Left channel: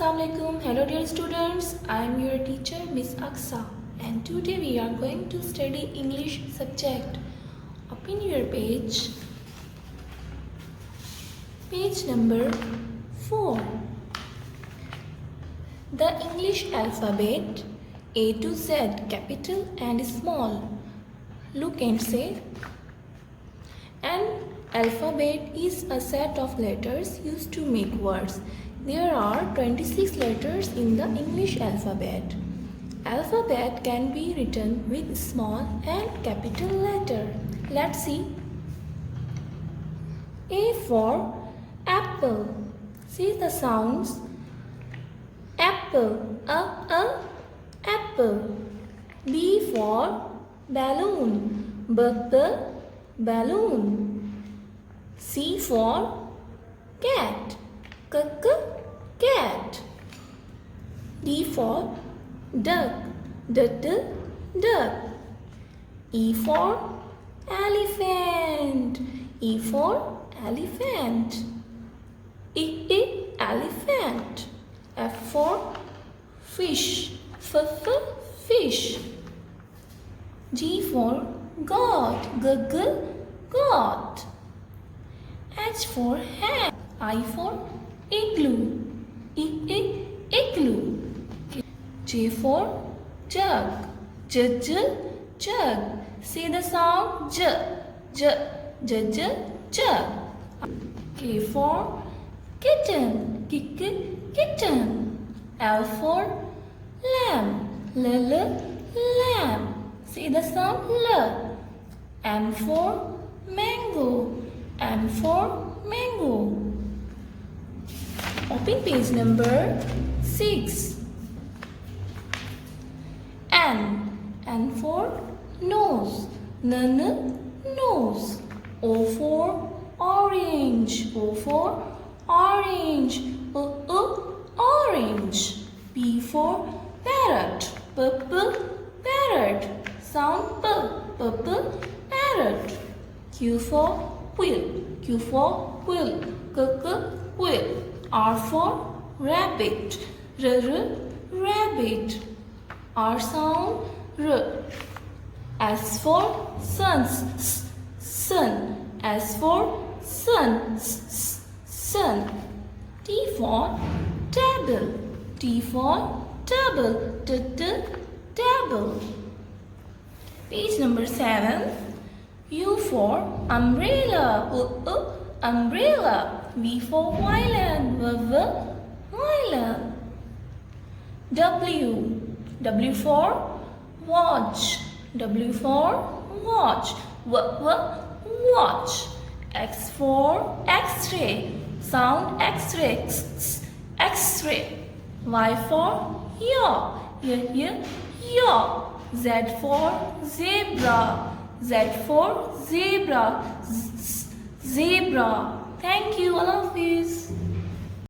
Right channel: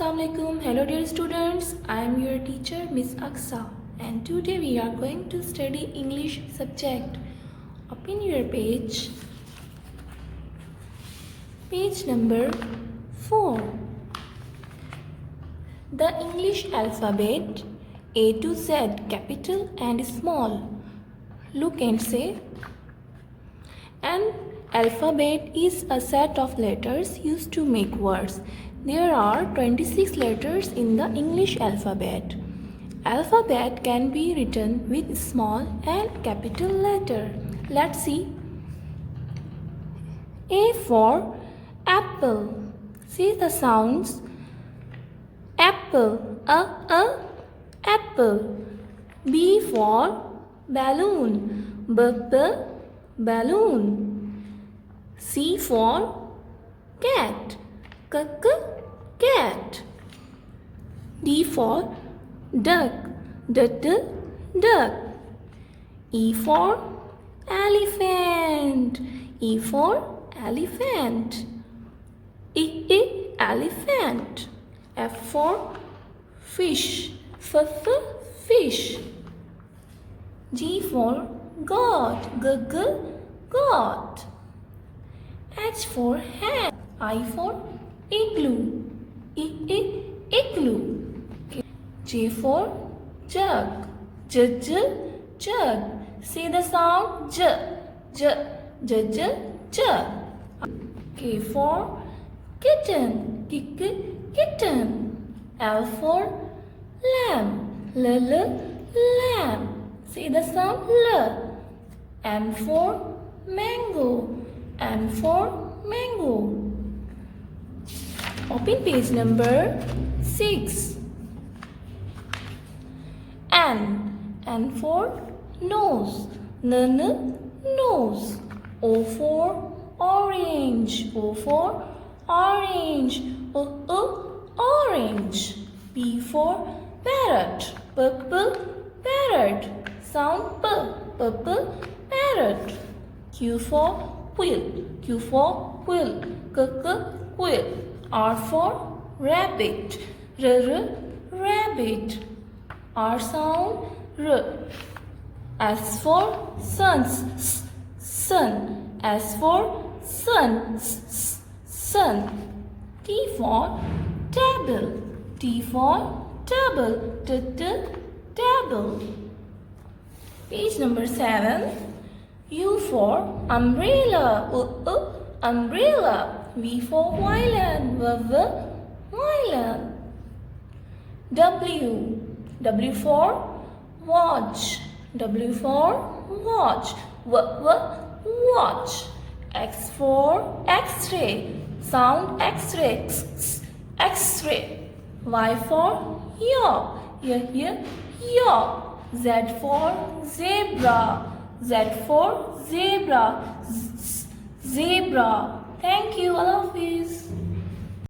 Assalamualaikum. Hello dear students. I am your teacher Miss Aksa and today we are going to study English subject. Open your page number 4. The English alphabet A to Z, capital and small. Look and say. An alphabet is a set of letters used to make words. There are 26 letters in the English alphabet. Alphabet can be written with small and capital letter. Let's see. A for apple. See the sounds. Apple. Apple. B for balloon. Balloon. C for cat. Cat. D for duck. Duck. E for elephant. E for elephant. Elephant. F for fish. Fish. G for God. God. H for hat. I for igloo. Igloo. J for jug. Jug. See the sound jug. K for kitten. Kitten. L for lamb. Lamb. See the sound L. M for mango. M for mango. Open page number 6. N for nose. Nose. O for orange. O for orange. Orange. P for parrot. Parrot. Sound parrot. Q for quill. Quill. R for rabbit. Rabbit. R sound R. S for sun. S for sun. T for table. T for table. Page number 7. U for umbrella. Umbrella. V for violin. Violin. W for watch. W for watch. Watch. X for X-ray. Sound X-ray. X-ray. Y for yaw. Yaw. Z for zebra. Z for zebra. Zebra. Thank you. Allah Hafiz.